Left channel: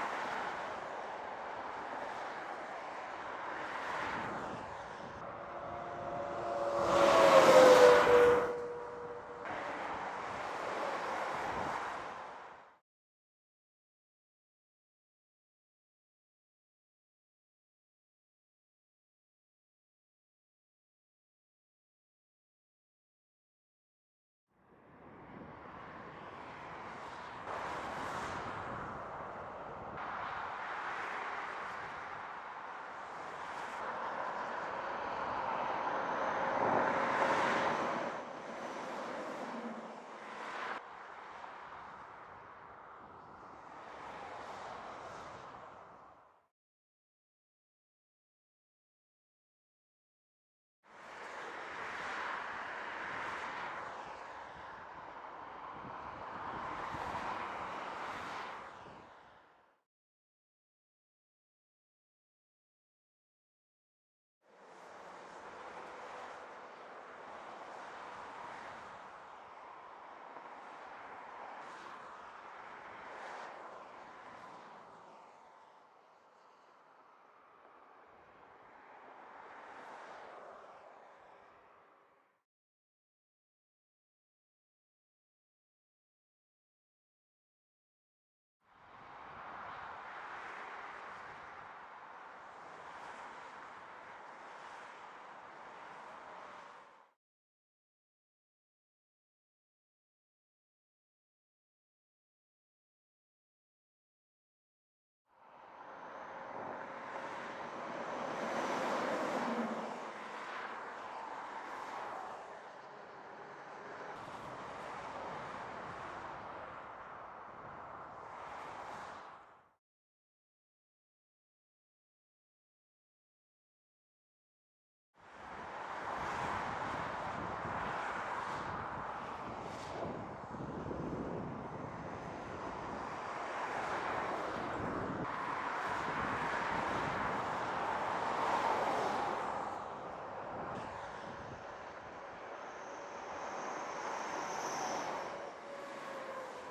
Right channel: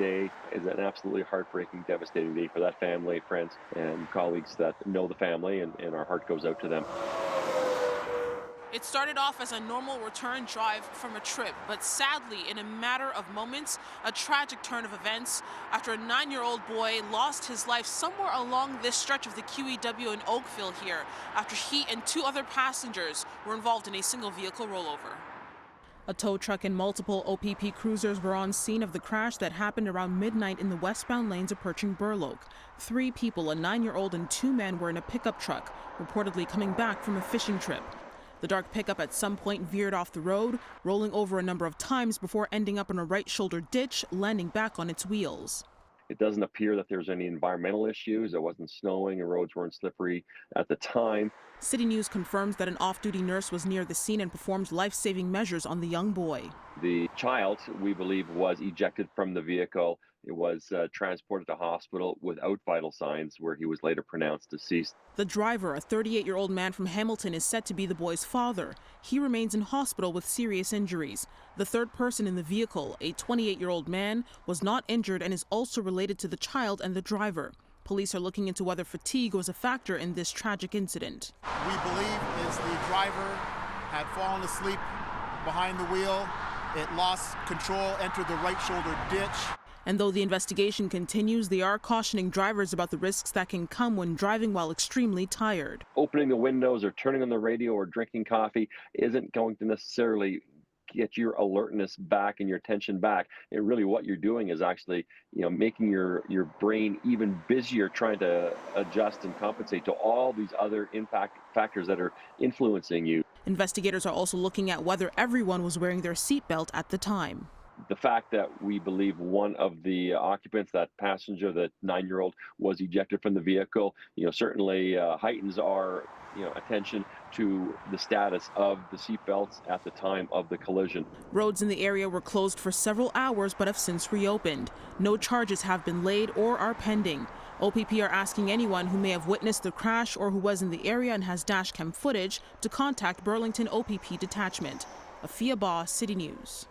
day is an absolutely heartbreaking, devastating day for that family, friends, and colleagues that know the family, and our heart goes out to them. It started off as a normal return drive from a trip, but sadly, in a matter of moments, a tragic turn of events after a 9-year-old boy lost his life somewhere along this stretch of the QEW in Oakville here after he and 2 other passengers were involved in a single vehicle rollover. A tow truck and multiple OPP cruisers were on scene of the crash that happened around midnight in the westbound lanes approaching Burloak. 3 people, a 9-year-old and 2 men, were in a pickup truck, reportedly coming back from a fishing trip. The dark pickup at some point veered off the road, rolling over a number of times before ending up in a right shoulder ditch, landing back on its wheels. It doesn't appear that there's any environmental issues. It wasn't snowing and roads weren't slippery at the time. CityNews confirms that an off-duty nurse was near the scene and performed life-saving measures on the young boy. The child, we believe, was ejected from the vehicle. It was transported to hospital without vital signs, where he was later pronounced deceased. The driver, a 38-year-old man from Hamilton, is said to be the boy's father. He remains in hospital with serious injuries. The third person in the vehicle, a 28-year-old man, was not injured and is also related to the child and the driver. Police are looking into whether fatigue was a factor in this tragic incident. We believe is the driver had fallen asleep behind the wheel. It lost control, entered the right shoulder ditch. And though the investigation continues, they are cautioning drivers about the risks that can come when driving while extremely tired. Opening the windows or turning on the radio or drinking coffee isn't going to necessarily get your alertness back and your attention back. And really what you're doing is actually, making your brain even busier, trying to adjust and compensate to all these other impact factors that are influencing you. Investigators are also looking at whether everyone was wearing their seatbelt at the time. The fact that we believe one of the occupants, that passenger, that 9-year-old, was ejected from the vehicle, certainly heightens our attention to the status of the seatbelts at the time of the collision. Roads in the area were closed for several hours but have since reopened. No charges have been laid or are pending. OPP are asking anyone who may have witnessed the crash or who was in the area and has dashcam footage to contact Burlington OPP Detachment. Afua Baah, City News.